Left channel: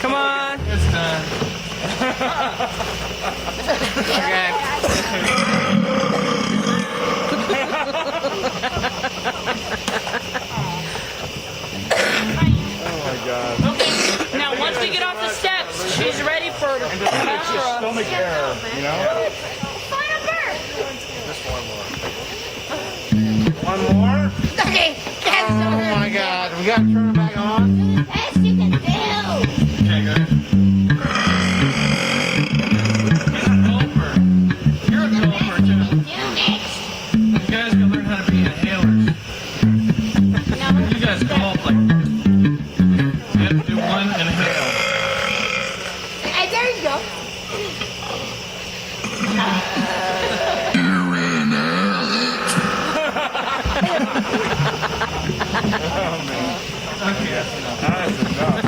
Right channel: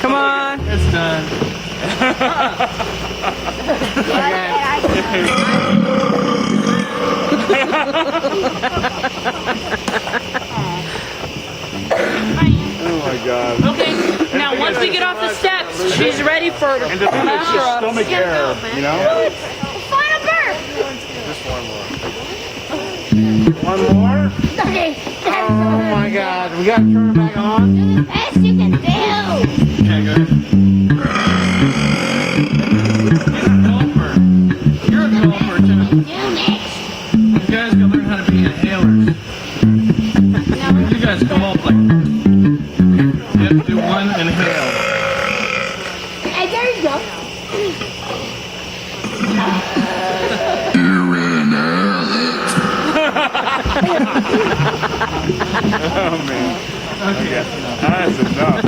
Come on. It's done. Oh my God. Okay, now once we get off the steps, she's ready for And just stomach air, you know? Final burp. One more? Okay. Oh my God. We gotta turn it back on. Best you can do. Okay, go ahead. He's a golfer. You're a golfer too. Do next. You guys gotta learn how to be inhalers. You guys golf like. Yep, do one inhale. Hey, there you go. Oh man. Okay. That's enough.